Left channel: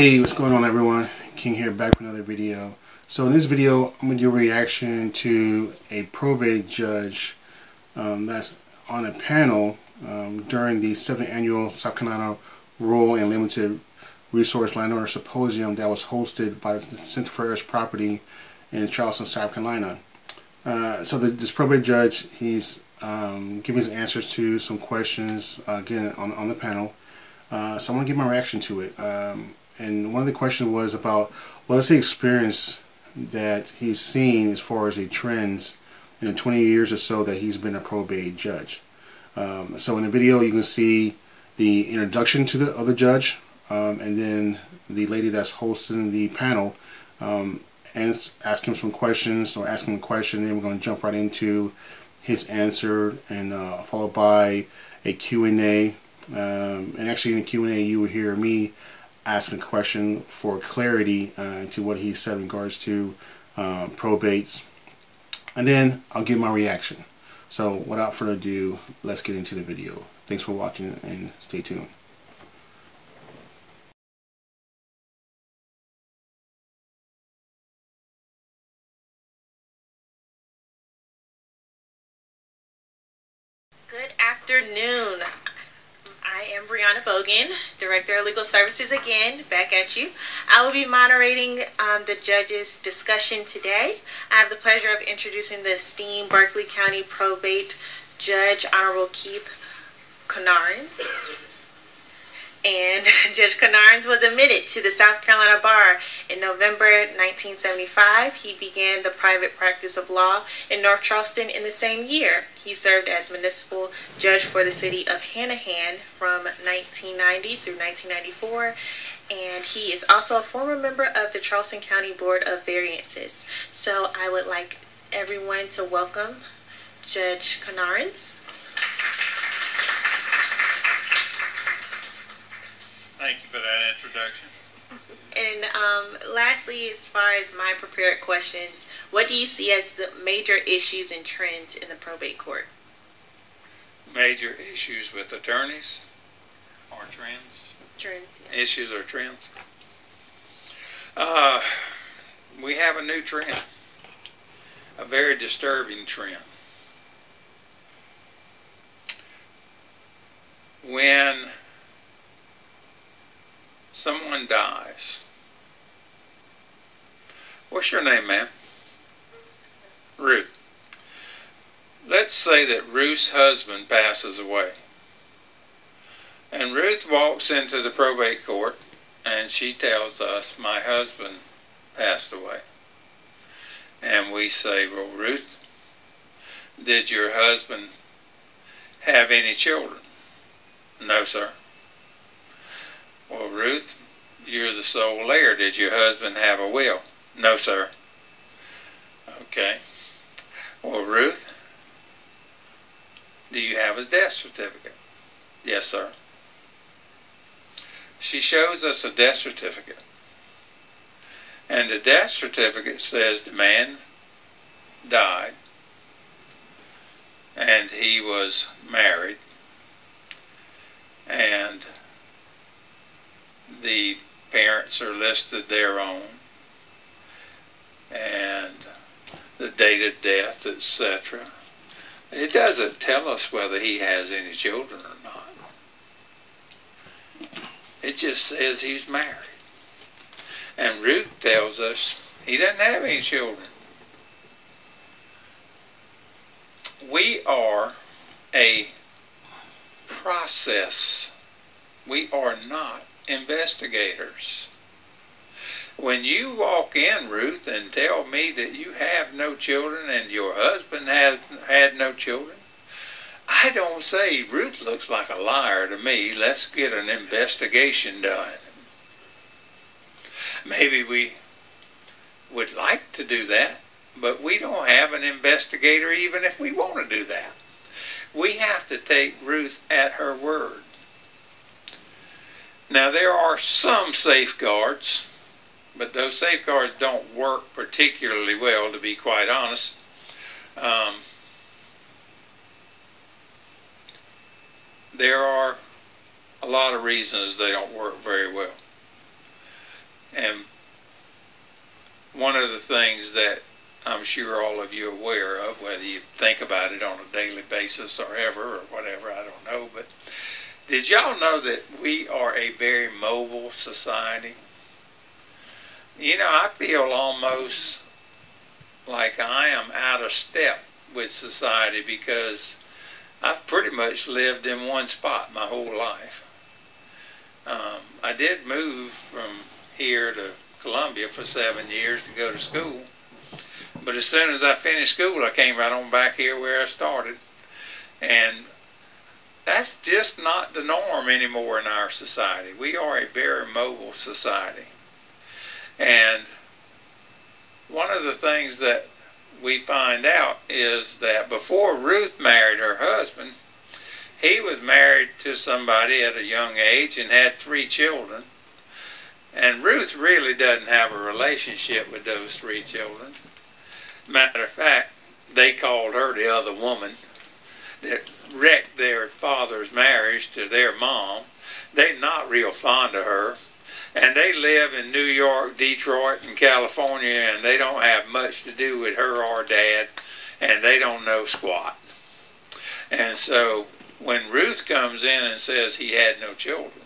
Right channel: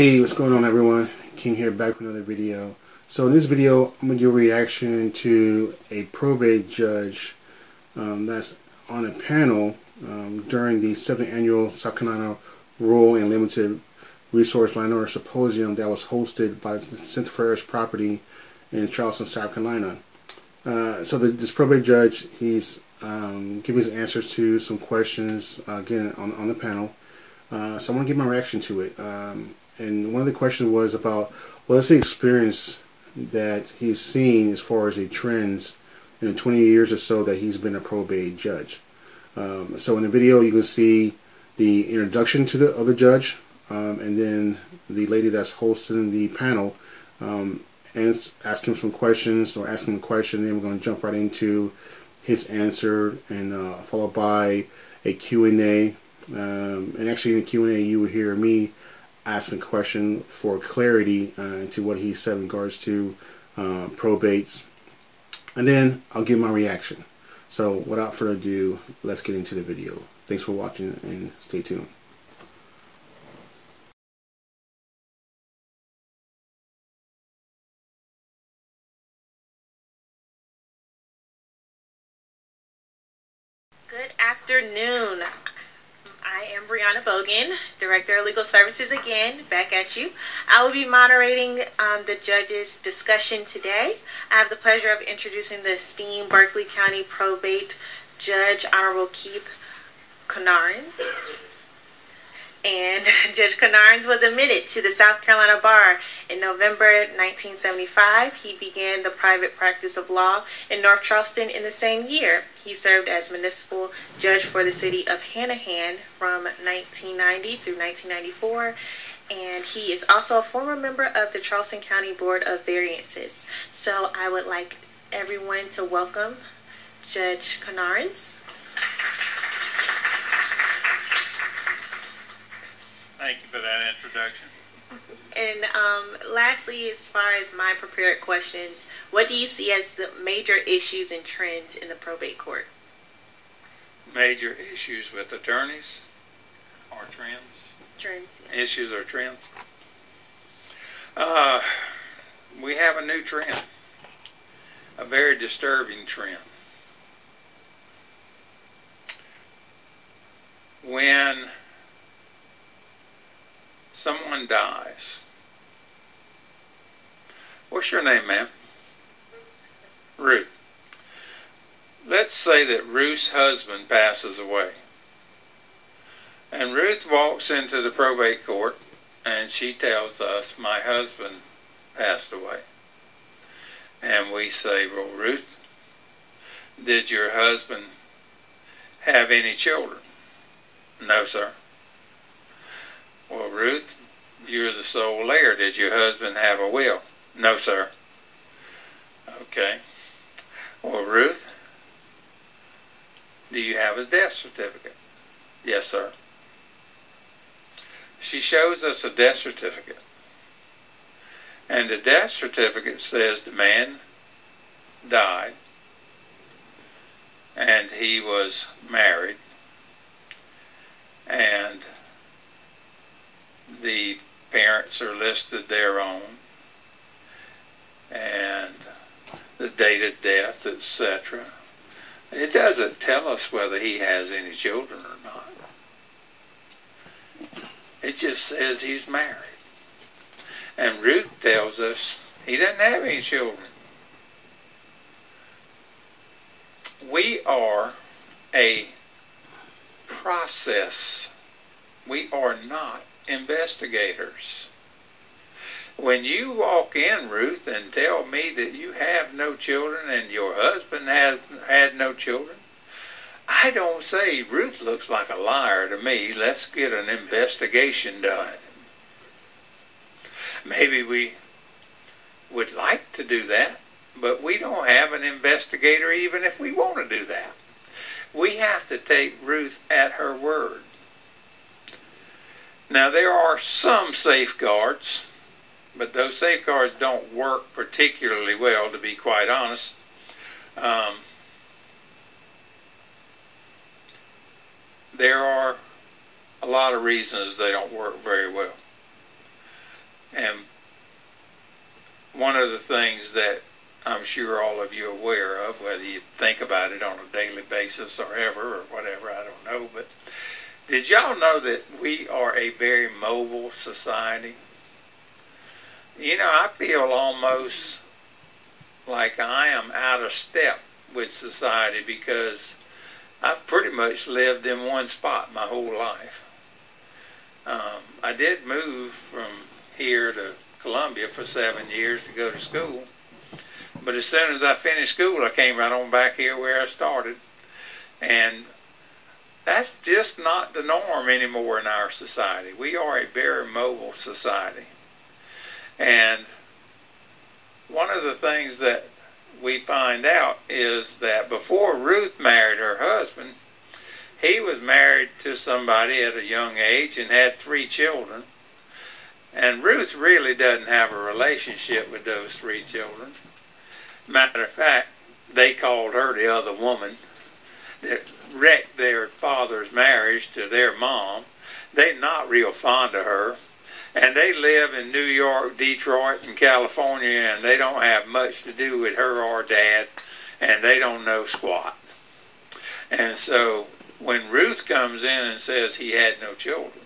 Hey, what's going on everyone? King here, back with another video. So in this video, I'm going to do a reaction to a probate judge that's on a panel during the 7th Annual South Carolina Rural and Limited Resource Landowners Symposium that was hosted by the Center for Heirs Property in Charleston, South Carolina. This probate judge, he's giving his answers to some questions, again, on the panel. So I want to give my reaction to it. And one of the questions was about what is the experience that he's seen as far as the trends in the 20 years or so that he's been a probate judge. So in the video you can see the introduction to the judge, and then the lady that's hosting the panel and ask him some questions, or ask him a question, and then we're going to jump right into his answer, and followed by a Q&A. And actually in the Q&A you will hear me asking a question for clarity into what he said in regards to probates, and then I'll give my reaction. So without further ado, let's get into the video. Thanks for watching and stay tuned. Good afternoon. I am Brianna Bogan, Director of Legal Services, again, back at you. I will be moderating the judge's discussion today. I have the pleasure of introducing the esteemed Berkeley County Probate Judge, Honorable Keith Conarns. And Judge Conarns was admitted to the South Carolina Bar in November 1975. He began the private practice of law in North Charleston in the same year. He served as municipal judge for the city of Hanahan from 1990 through 1994. And he is also a former member of the Charleston County Board of Variances. So I would like everyone to welcome Judge Conarns. Thank you for that introduction. And lastly, as far as my prepared questions, what do you see as the major issues and trends in the probate court? Major issues with attorneys or trends? Trends, yeah. Issues or trends? We have a new trend, a very disturbing trend. When someone dies. What's your name, ma'am? Ruth. Let's say that Ruth's husband passes away. And Ruth walks into the probate court and she tells us, my husband passed away. And we say, well, Ruth, did your husband have any children? No, sir. Well, Ruth, you're the sole heir. Did your husband have a will? No, sir. Okay. Well, Ruth, do you have a death certificate? Yes, sir. She shows us a death certificate. And the death certificate says the man died and he was married, and the parents are listed their own, and the date of death, etc. It doesn't tell us whether he has any children or not. It just says he's married. And Ruth tells us he doesn't have any children. We are a process. We are not investigators. When you walk in, Ruth, and tell me that you have no children and your husband has had no children, I don't say, Ruth looks like a liar to me, let's get an investigation done. Maybe we would like to do that, but we don't have an investigator even if we want to do that. We have to take Ruth at her word. Now, there are some safeguards, but those safeguards don't work particularly well, to be quite honest. There are a lot of reasons they don't work very well. And one of the things that I'm sure all of you are aware of, whether you think about it on a daily basis or ever or whatever, I don't know, but did y'all know that we are a very mobile society? You know, I feel almost like I am out of step with society because I've pretty much lived in one spot my whole life. I did move from here to Columbia for 7 years to go to school, but as soon as I finished school, I came right on back here where I started, and that's just not the norm anymore in our society. We are a very mobile society. And one of the things that we find out is that before Ruth married her husband, he was married to somebody at a young age and had 3 children. And Ruth really doesn't have a relationship with those 3 children. Matter of fact, they called her the other woman that wrecked their father's marriage to their mom. They're not real fond of her. And they live in New York, Detroit, and California, and they don't have much to do with her or Dad, and they don't know squat. And so when Ruth comes in and says he had no children,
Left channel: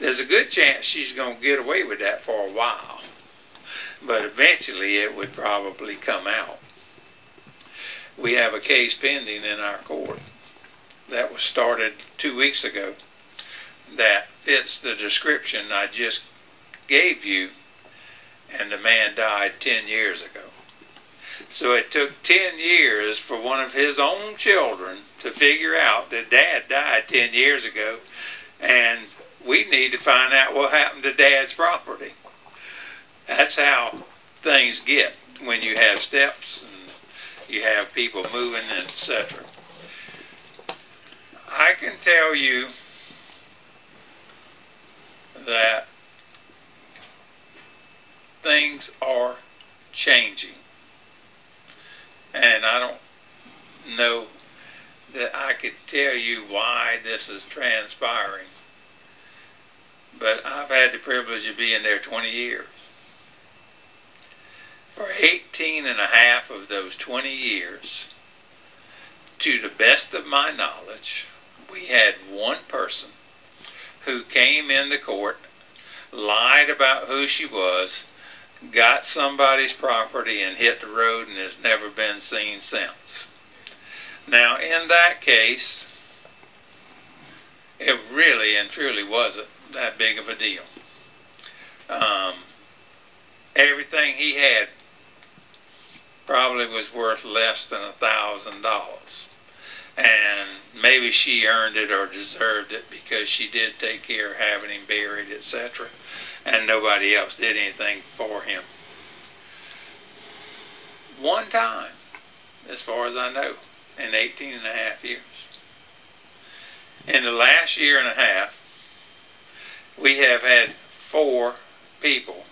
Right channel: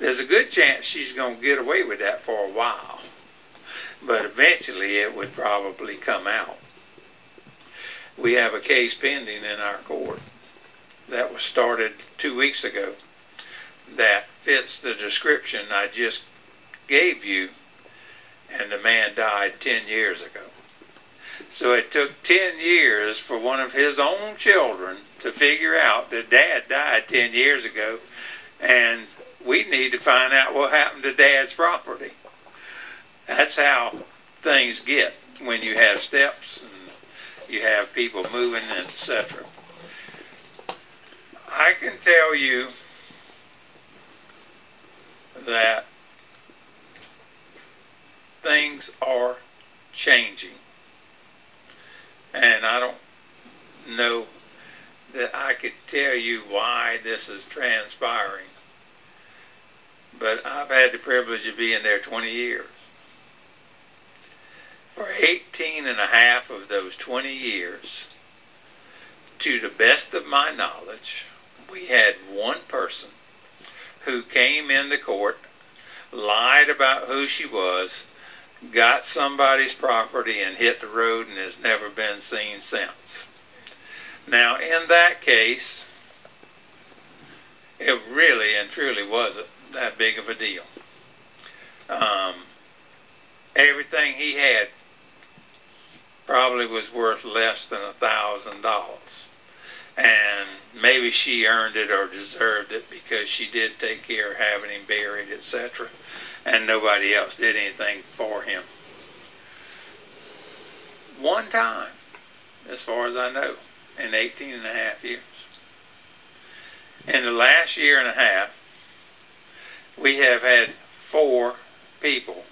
there's a good chance she's going to get away with that for a while. But eventually it would probably come out. We have a case pending in our court that was started 2 weeks ago that fits the description I just gave you, and the man died 10 years ago. So it took 10 years for one of his own children to figure out that Dad died 10 years ago, and we need to find out what happened to Dad's property. That's how things get when you have steps and you have people moving, etc. I can tell you that things are changing, and I don't know that I could tell you why this is transpiring, but I've had the privilege of being there 20 years. For 18 and a half of those 20 years, to the best of my knowledge, we had one person who came in the court, lied about who she was, got somebody's property and hit the road and has never been seen since. Now, in that case, it really and truly wasn't that big of a deal. Everything he had probably was worth less than $1,000. And maybe she earned it or deserved it because she did take care of having him buried, etc. And nobody else did anything for him. One time, as far as I know, in 18 and a half years. In the last year and a half, we have had 4 people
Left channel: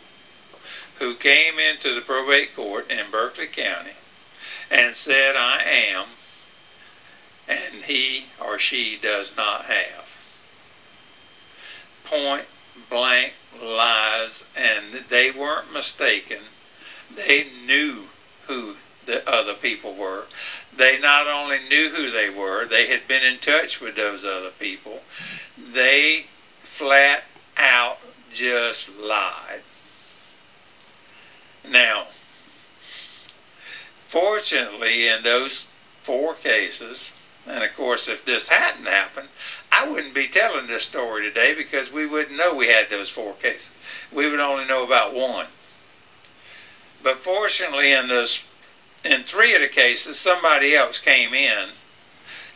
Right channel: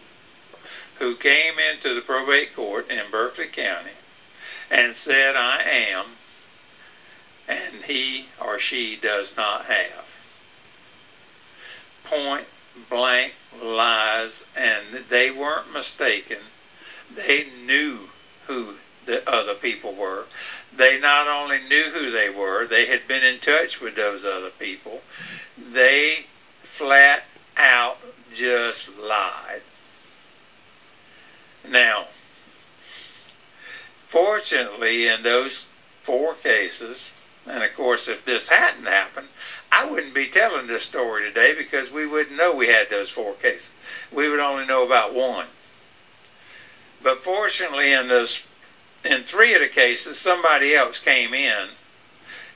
who came into the probate court in Berkeley County and said, I am, and he or she does not have. Point blank lies, and they weren't mistaken. They knew who the other people were. They not only knew who they were, they had been in touch with those other people. They flat out just lied. Now, fortunately, in those 4 cases, and of course, if this hadn't happened, I wouldn't be telling this story today because we wouldn't know we had those 4 cases. We would only know about 1. But fortunately, in 3 of the cases, somebody else came in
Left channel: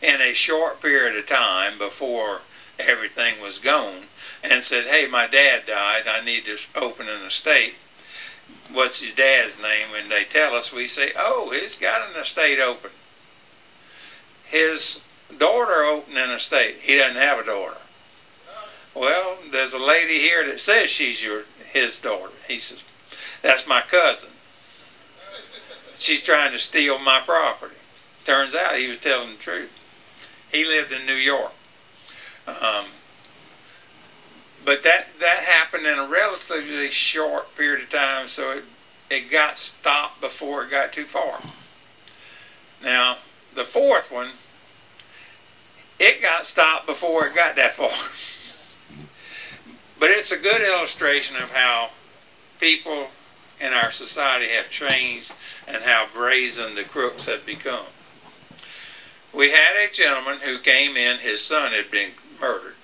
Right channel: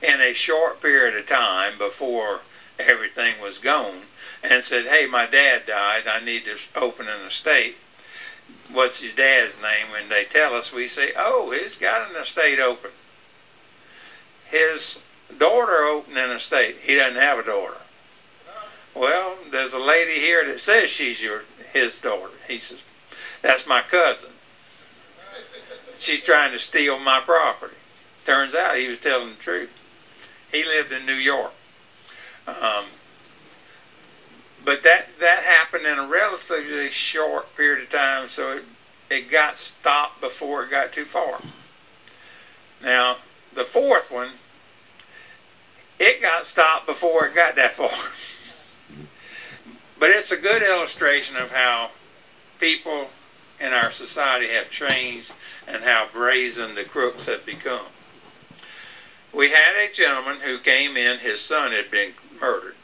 a short period of time before everything was gone and said, hey, my dad died. I need to open an estate. What's his dad's name? When they tell us, we say, oh, he's got an estate open. His daughter opened an estate. He doesn't have a daughter. Well, there's a lady here that says she's his daughter. He says, that's my cousin. She's trying to steal my property. Turns out he was telling the truth. He lived in New York. But that happened in a relatively short period of time, so it got stopped before it got too far. Now, the fourth one, it got stopped before it got that far. But it's a good illustration of how people in our society have changed and how brazen the crooks have become. We had a gentleman who came in, his son had been murdered.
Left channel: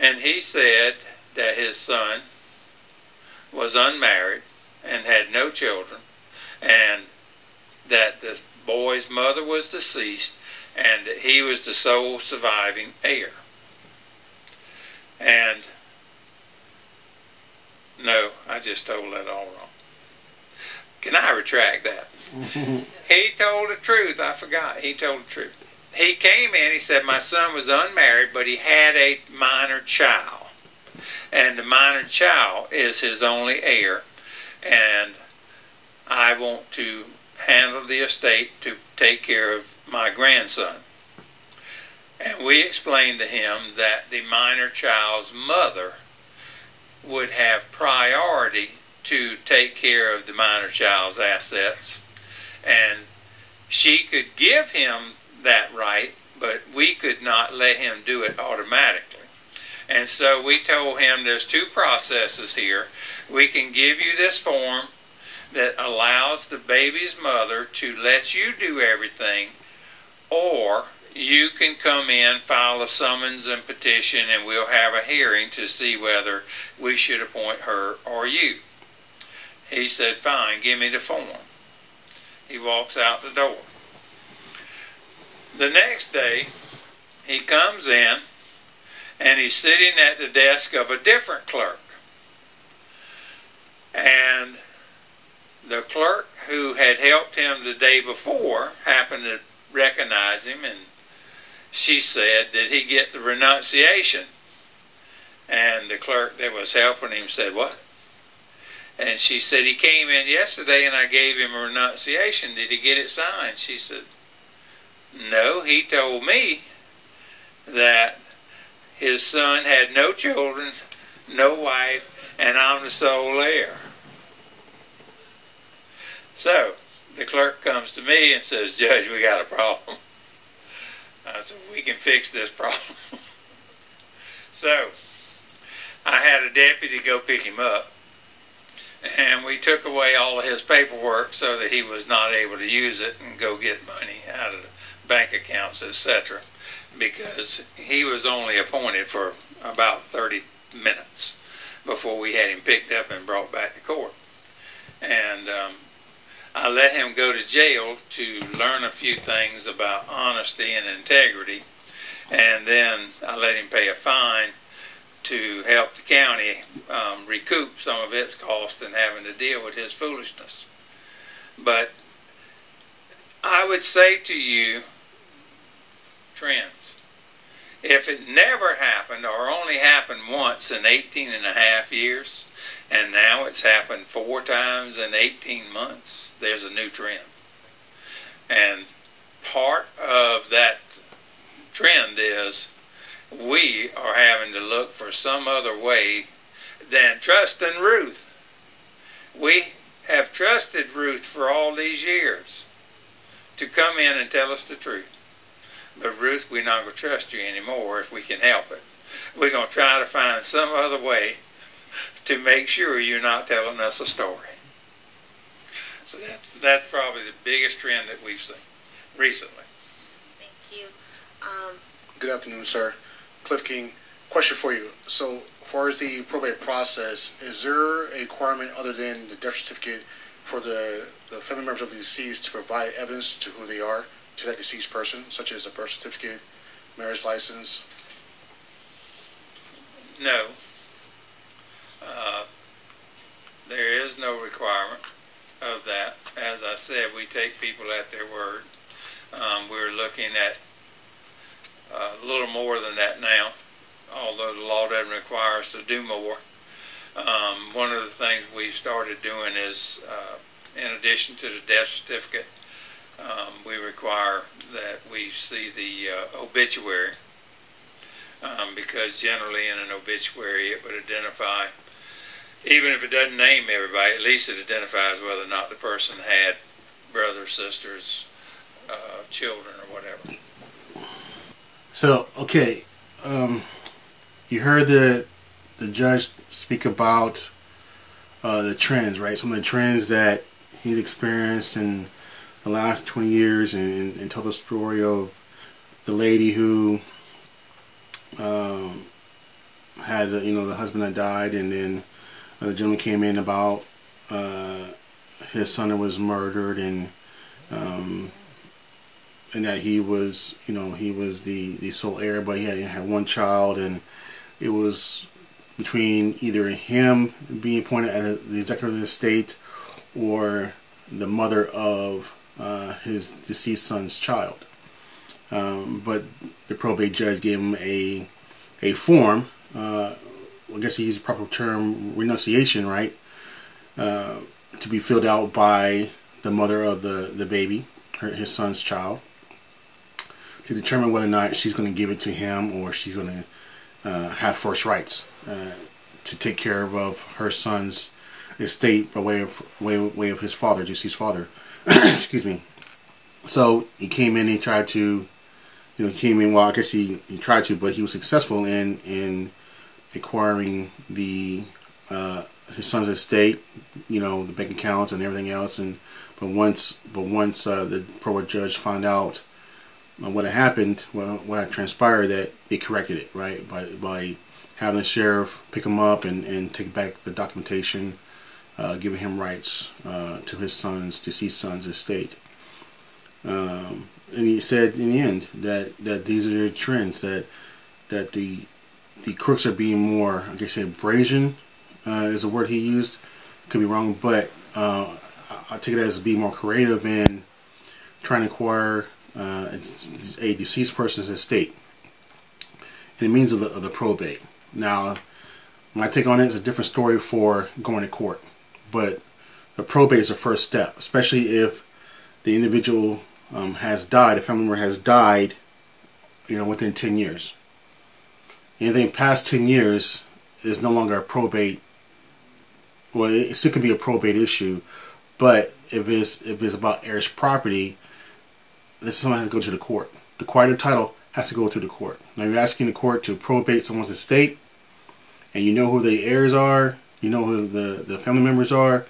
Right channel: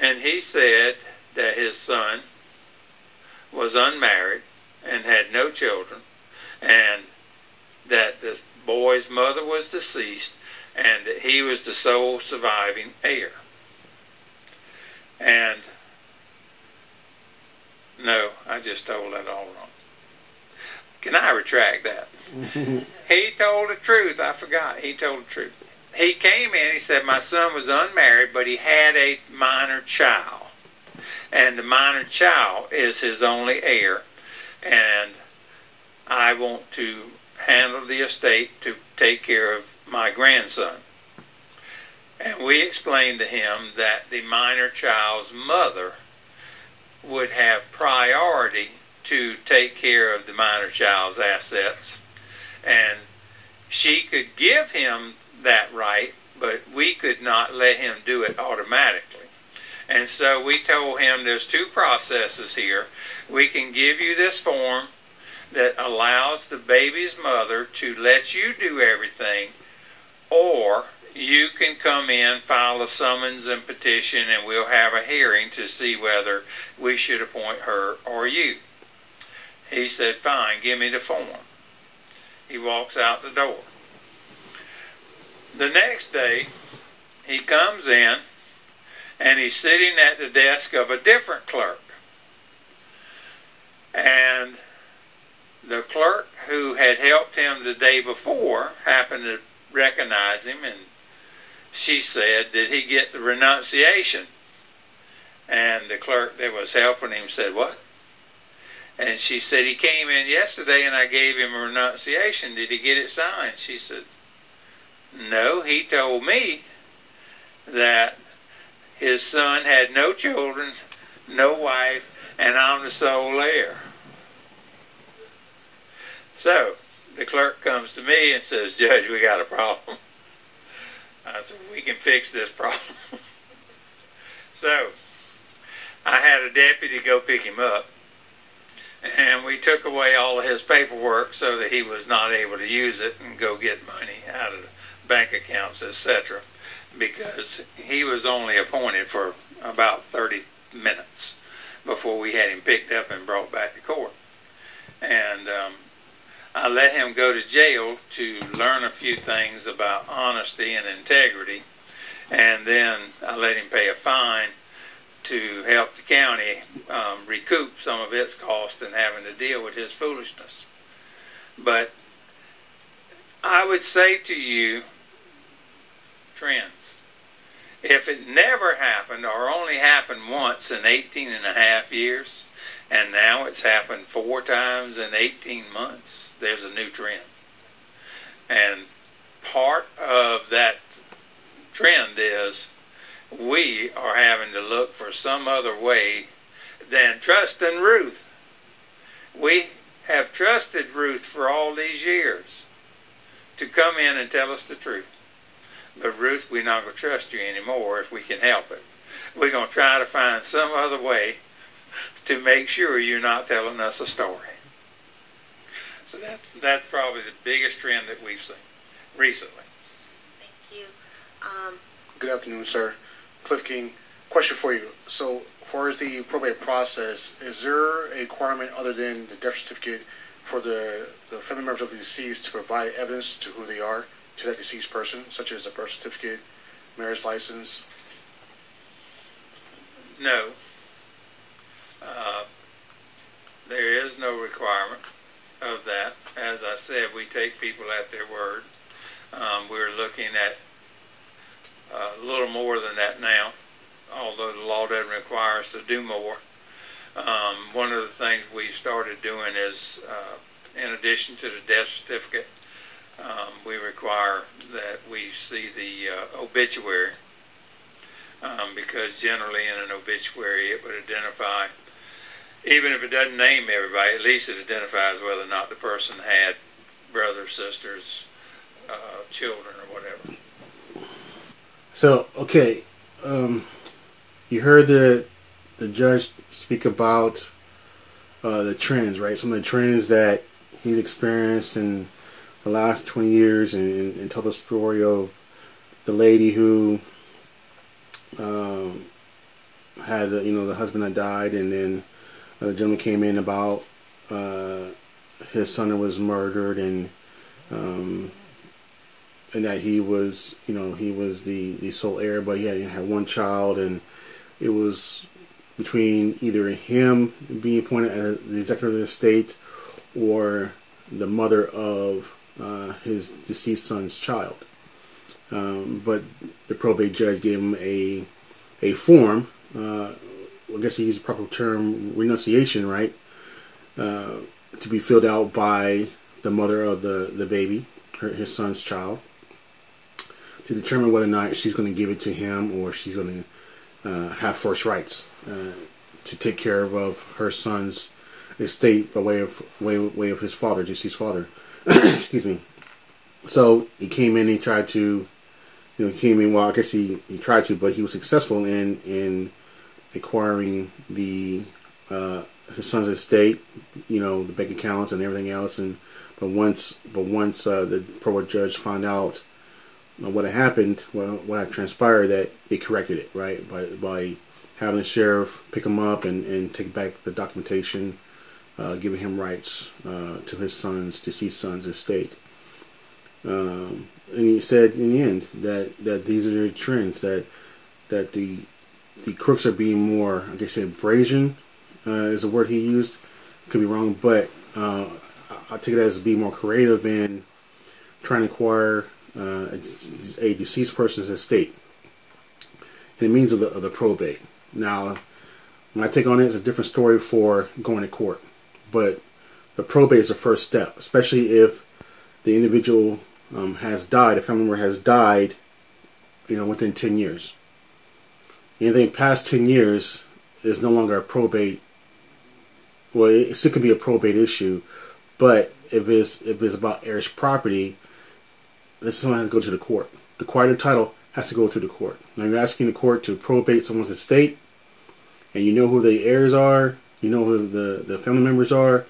And he said that his son was unmarried and had no children, and that the boy's mother was deceased, and that he was the sole surviving heir. And no, I just told that all wrong. Can I retract that? He told the truth. I forgot. He told the truth. He came in, he said, my son was unmarried, but he had a minor child. And the minor child is his only heir. And I want to handle the estate to take care of my grandson. And we explained to him that the minor child's mother would have priority to take care of the minor child's assets. And she could give him that right, but we could not let him do it automatically. And so we told him there's two processes here. We can give you this form that allows the baby's mother to let you do everything, or you can come in, file a summons and petition, and we'll have a hearing to see whether we should appoint her or you. He said, fine, give me the form. He walks out the door. The next day, he comes in, and he's sitting at the desk of a different clerk. And the clerk who had helped him the day before happened to recognize him, and she said, did he get the renunciation? And the clerk that was helping him said, what? And she said, he came in yesterday and I gave him a renunciation. Did he get it signed? She said, no, he told me that his son had no children, no wife, and I'm the sole heir. So the clerk comes to me and says, Judge, we got a problem. I said, we can fix this problem. So I had a deputy go pick him up, and we took away all of his paperwork so that he was not able to use it and go get money out of the bank accounts, etc., because he was only appointed for about 30 minutes before we had him picked up and brought back to court. And I let him go to jail to learn a few things about honesty and integrity, and then I let him pay a fine to help the county recoup some of its cost in having to deal with his foolishness. But I would say to you, trends, if it never happened or only happened once in 18 and a half years, and now it's happened 4 times in 18 months, there's a new trend. And part of that trend is we are having to look for some other way than trusting Ruth. We have trusted Ruth for all these years to come in and tell us the truth. But Ruth, we're not going to trust you anymore if we can help it. We're going to try to find some other way to make sure you're not telling us a story. So that's probably the biggest trend that we've seen recently. Thank you. Good afternoon, sir. Cliff King. Question for you. So, as far as the probate process, is there a requirement other than the death certificate for the family members of the deceased to provide evidence to who they are to that deceased person, such as a birth certificate, marriage license? No. There is no requirement of that. As I said, we take people at their word. We're looking at a little more than that now, although the law doesn't require us to do more. One of the things we started doing is, in addition to the death certificate, we require that we see the obituary because generally in an obituary it would identify, even if it doesn't name everybody, at least it identifies whether or not the person had brothers, sisters, children, or whatever. So, okay, you heard the judge speak about the trends, right? Some of the trends that he's experienced in the last 20 years, and tell the story of the lady who had, the husband that died, and then the gentleman came in about his son that was murdered, and that he was, he was the sole heir, but he had one child, and it was between either him being appointed as the executor of the estate or the mother of his deceased son's child. But the probate judge gave him a form, I guess he used the proper term, renunciation, right, to be filled out by the mother of the baby, his son's child, to determine whether or not she's going to give it to him or she's going to have first rights to take care of her son's estate by way of his father, deceased father. Excuse me. So he came in. He tried to, he came in. Well, I guess he tried to, but he was successful in acquiring his son's estate, the bank accounts and everything else. But once the probate judge found out what had happened, what had transpired, that they corrected it, right, by having the sheriff pick him up and take back the documentation, giving him rights to his deceased son's estate. And he said in the end that these are the trends, that the crooks are being more, I guess, brazen is a word he used. Could be wrong, but I take it as being more creative in trying to acquire a deceased person's estate, and it means of the probate. Now, my take on it is a different story for going to court, but the probate is the first step, especially if the individual has died, a family member has died, within 10 years. Anything past 10 years is no longer a probate. Well, it still could be a probate issue, but if it's about heirs property, this is something that has to go to the court. The quiet of title has to go through the court. Now, you're asking the court to probate someone's estate, and you know who the heirs are, you know who the family members are,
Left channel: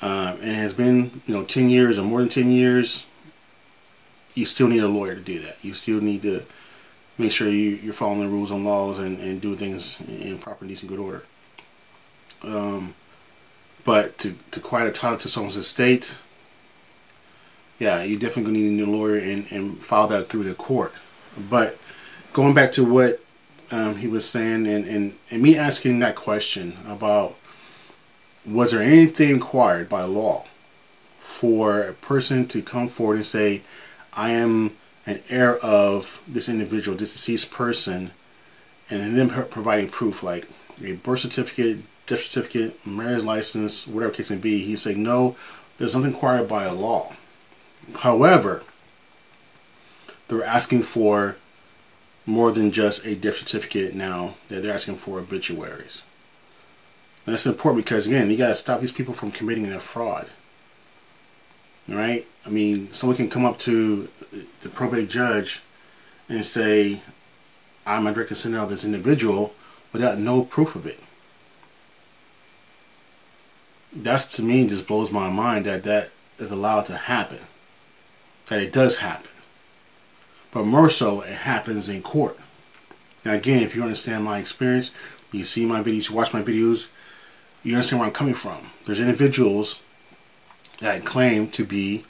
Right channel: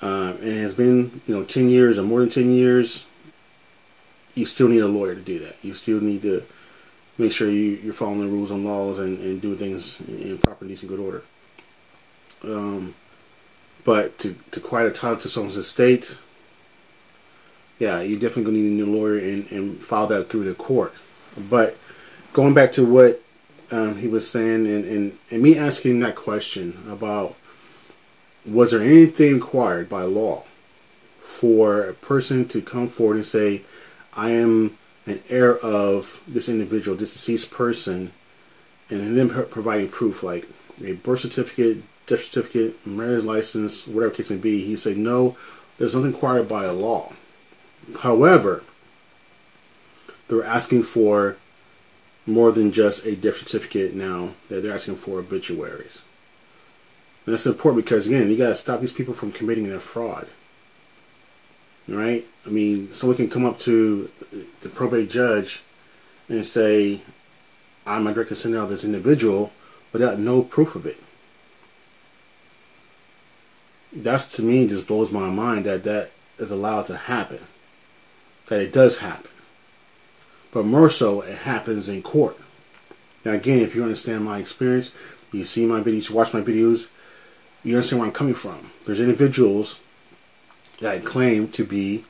and it has been 10 years or more than 10 years. You still need a lawyer to do that. You still need to make sure you're following the rules and laws and do things in proper, decent, good order. But to quiet a title to someone's estate, yeah, you definitely gonna need a new lawyer and file that through the court. But going back to what he was saying, and me asking that question about, was there anything required by law for a person to come forward and say, I am an heir of this individual, this deceased person, and then providing proof like a birth certificate, death certificate, marriage license, whatever case may be? He said, no, there's nothing required by a law. However, they're asking for more than just a death certificate now. They're asking for obituaries. And that's important because, again, you got to stop these people from committing a fraud. Right? I mean, someone can come up to the probate judge and say, I'm a direct descendant of this individual, without no proof of it. That's, to me, just blows my mind that is allowed to happen. That it does happen. But more so, it happens in court. Now, again, if you understand my experience, you see my videos, you watch my videos, you understand where I'm coming from. There's individuals that claim to be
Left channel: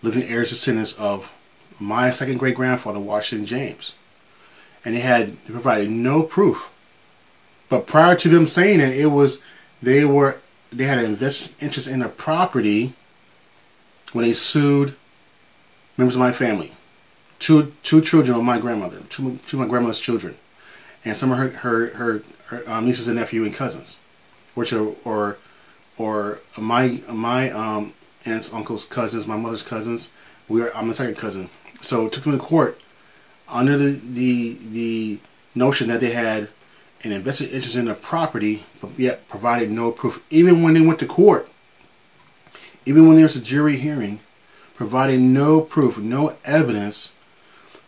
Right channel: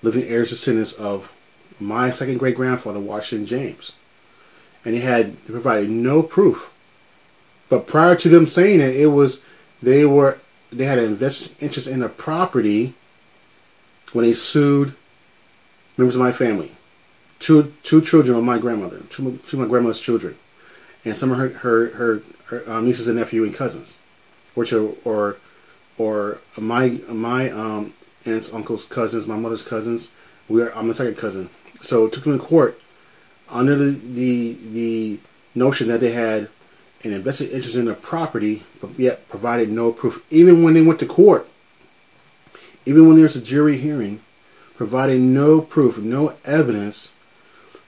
living heirs descendants of my second great grandfather, Washington James, and they provided no proof. But prior to them saying it, they had an interest in the property when they sued members of my family, two children of my grandmother, two of my grandmother's children, and some of her nieces and nephew and cousins, which are my aunts, uncles, cousins, my mother's cousins. I'm the second cousin. So it took them to court under the notion that they had an invested interest in the property, but yet provided no proof, even when they went to court, even when there was a jury hearing, provided no proof, no evidence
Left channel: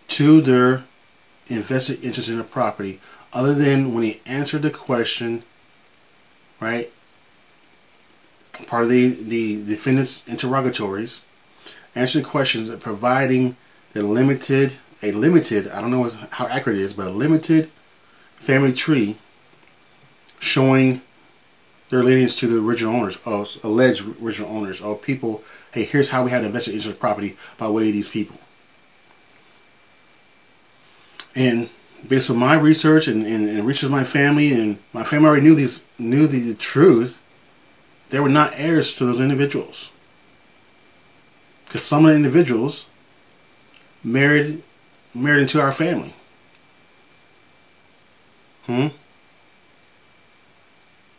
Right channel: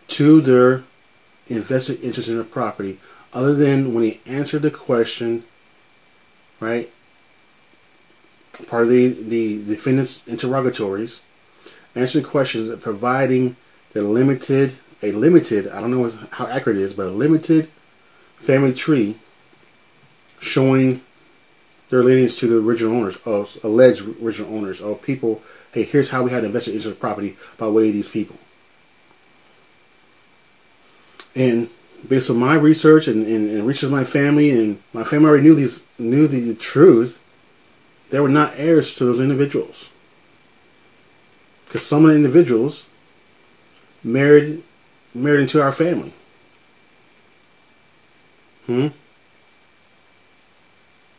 to their invested interest in the property, other than when he answered the question, right? Part of the defendant's interrogatories, answering questions, providing a limited, I don't know how accurate it is, but a limited family tree showing their lineage to the original owners, or alleged original owners, or people. Hey, here's how we had invested interest in the property by way of these people. And based on my research and research of my family already knew the truth. They were not heirs to those individuals, because some of the individuals married into our family.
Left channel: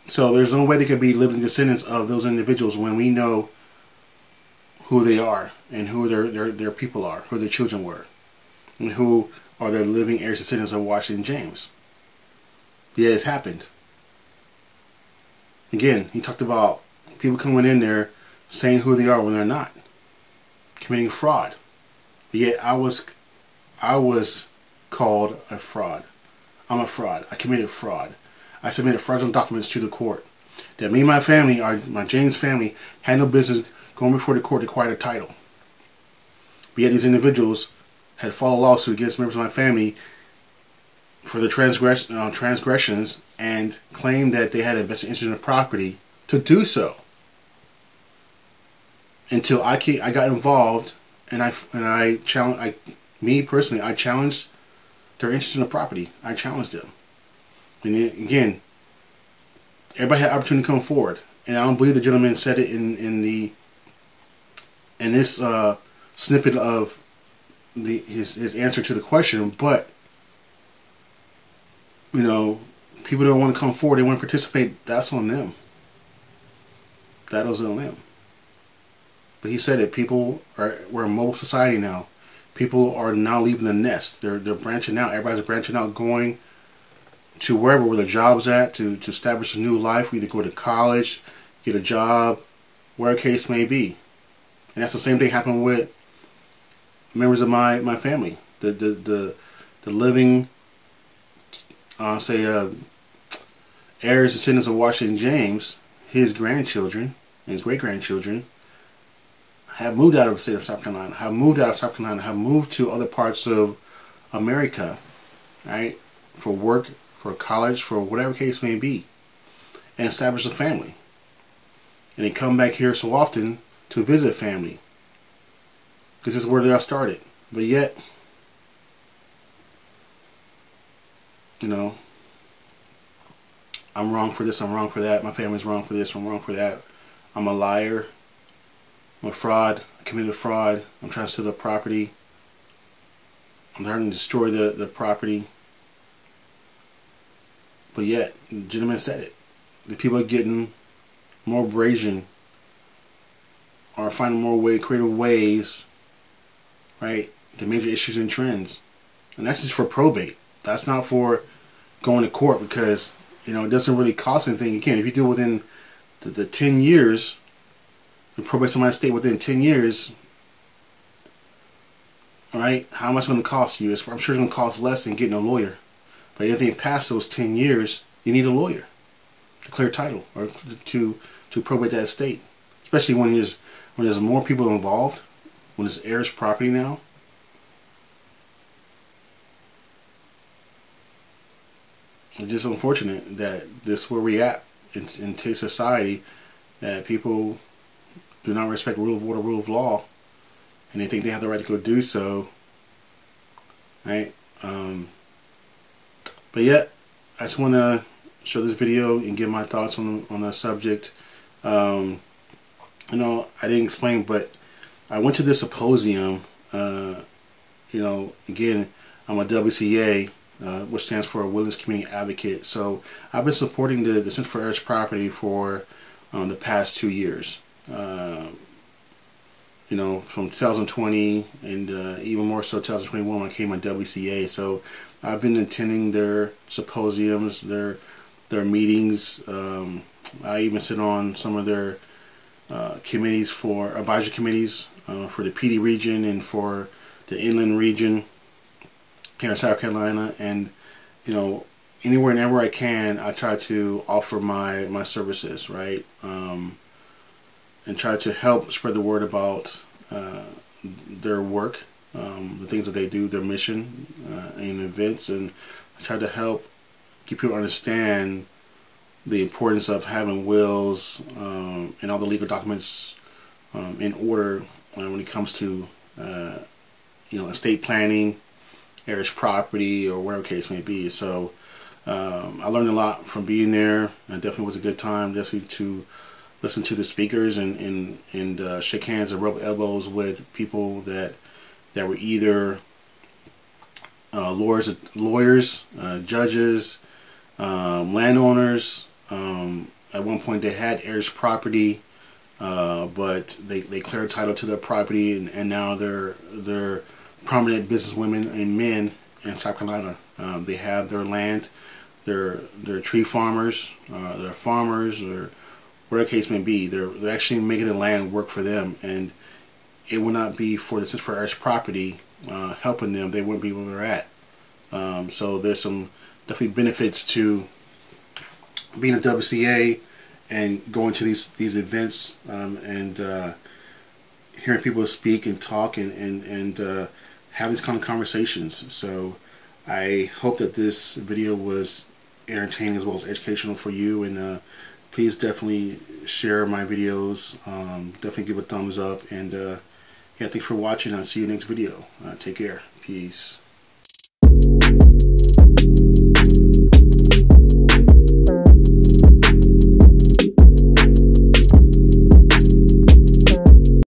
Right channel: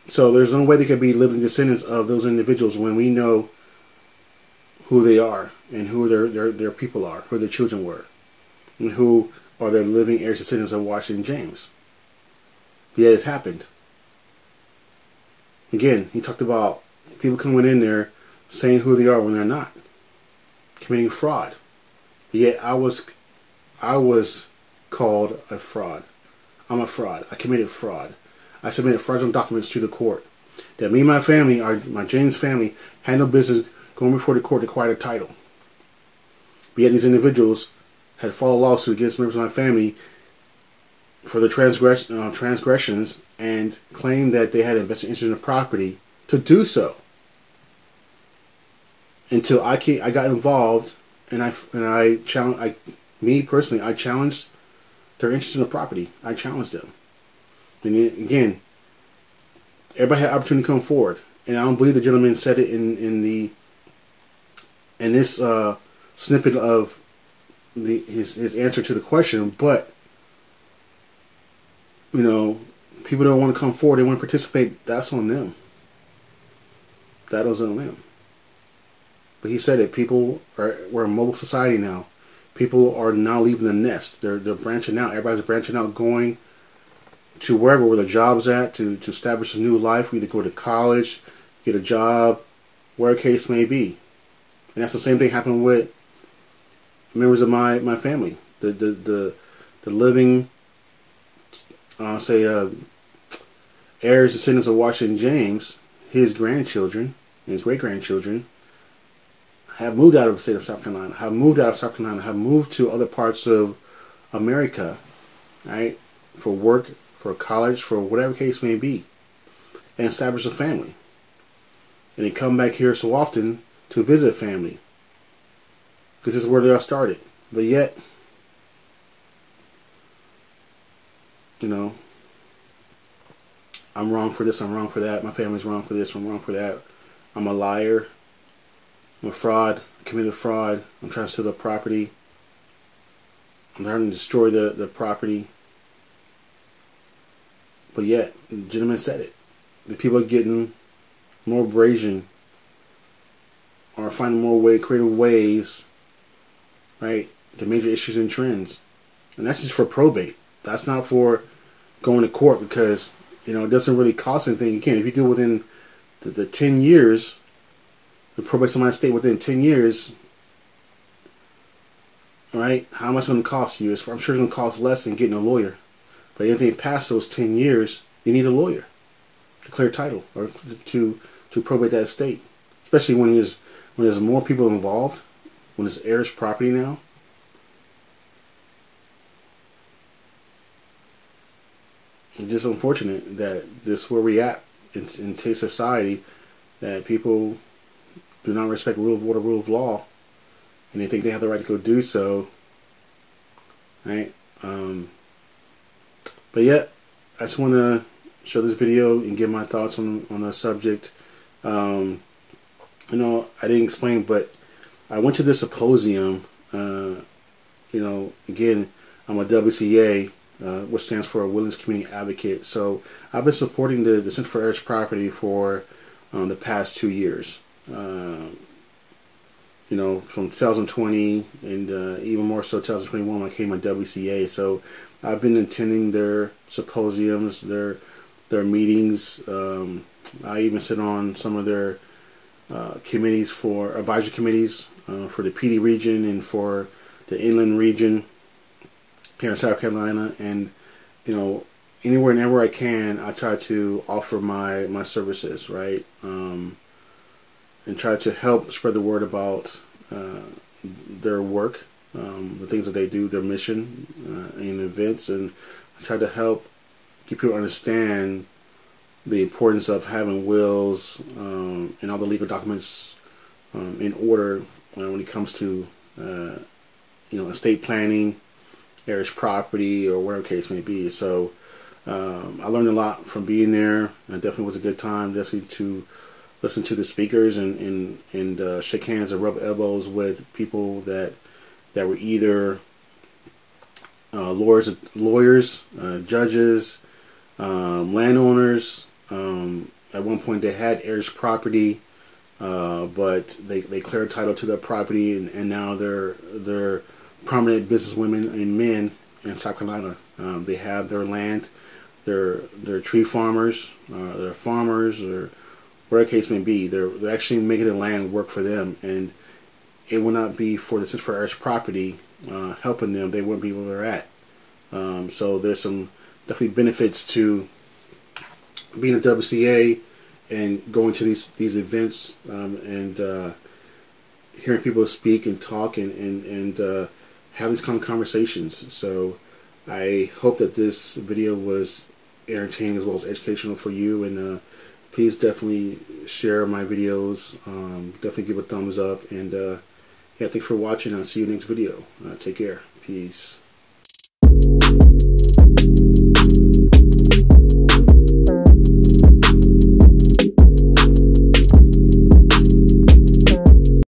So there's no way they could be living descendants of those individuals when we know who they are and who their people are, who their children were, and who are the living heirs descendants of Washington James. But yet it's happened. Again, he talked about people coming in there saying who they are when they're not, committing fraud. But yet I was called a fraud. I'm a fraud. I committed fraud. I submitted fraudulent documents to the court that me and my family, my James family, had no business going before the court to acquire the title. But yet these individuals had filed a lawsuit against members of my family for their transgressions, and claimed that they had invested interest in the property to do so. Until I got involved, and I challenged, me personally, I challenged their interest in the property. I challenged them. And again, everybody had opportunity to come forward, and I don't believe the gentleman said it in this snippet of his answer to the question. But you know, people don't want to come forward, they want to participate. That's on them. That was on them. But he said it. We're a mobile society now. People are now leaving the nest. They're branching out. Everybody's branching out, going to where their job's at, to establish a new life. We either go to college, get a job, whatever case may be. And that's the same thing happened with members of my family. The living, heirs, descendants of Washington James, his grandchildren and his great-grandchildren have moved out of the state of South Carolina, have moved to other parts of America, right, for work, for college, for whatever case may be, and establish a family. And they come back here so often to visit family, because this is where they all started. But yet, you know, I'm wrong for this, I'm wrong for that, my family's wrong for this, I'm wrong for that, I'm a liar, I'm a fraud, I committed fraud, I'm trying to steal the property, I'm trying to destroy the property. But yet, the gentleman said it. The people are getting more brazen, are finding more creative ways, right, to major issues and trends. And that's just for probate. That's not for going to court, because, you know, it doesn't really cost anything. Again, if you do it within the 10 years, the probate somebody state within 10 years, all right, how much is it going to cost you? I'm sure it's going to cost less than getting a lawyer. But anything past those 10 years, you need a lawyer to clear title or to probate that estate. Especially when there's more people involved, when it's heirs property now. It's just unfortunate that this is where we at in today's society, that people do not respect the rule of order, rule of law, and they think they have the right to go do so, right? But yet, I just want to show this video and give my thoughts on the subject. You know, I didn't explain, but I went to this symposium. You know, again, I'm a WCA, which stands for a Wilderness Community Advocate. So I've been supporting the Center for Heirs Property for the past 2 years. you know, from 2020 and even more so 2021 when I came on WCA. So I've been attending their symposiums, their meetings. I even sit on some of their committees, for advisory committees for the PD region and for the inland region here in South Carolina. And you know, anywhere and everywhere I can, I try to offer my services, right, and try to help spread the word about their work, the things that they do, their mission and events, and I try to help get people to understand the importance of having wills and all the legal documents in order when it comes to you know, estate planning, heirs property, or whatever case may be. So I learned a lot from being there. It definitely was a good time, definitely to listen to the speakers and shake hands and rub elbows with people that were either lawyers, judges, landowners. At one point they had heirs property, but they cleared title to their property, and now they're prominent businesswomen and men in South Carolina. They have their land, they're tree farmers, they're farmers, or whatever the case may be. They're actually making the land work for them, and it would not be for the Center for Heirs Property helping them, they wouldn't be where they're at. So there's some definitely benefits to being a WCA and going to these events and hearing people speak and talk and have these kind of conversations. So I hope that this video was entertaining as well as educational for you, and please definitely share my videos, definitely give a thumbs up, and yeah, thanks for watching. I'll see you next video. Take care. Peace.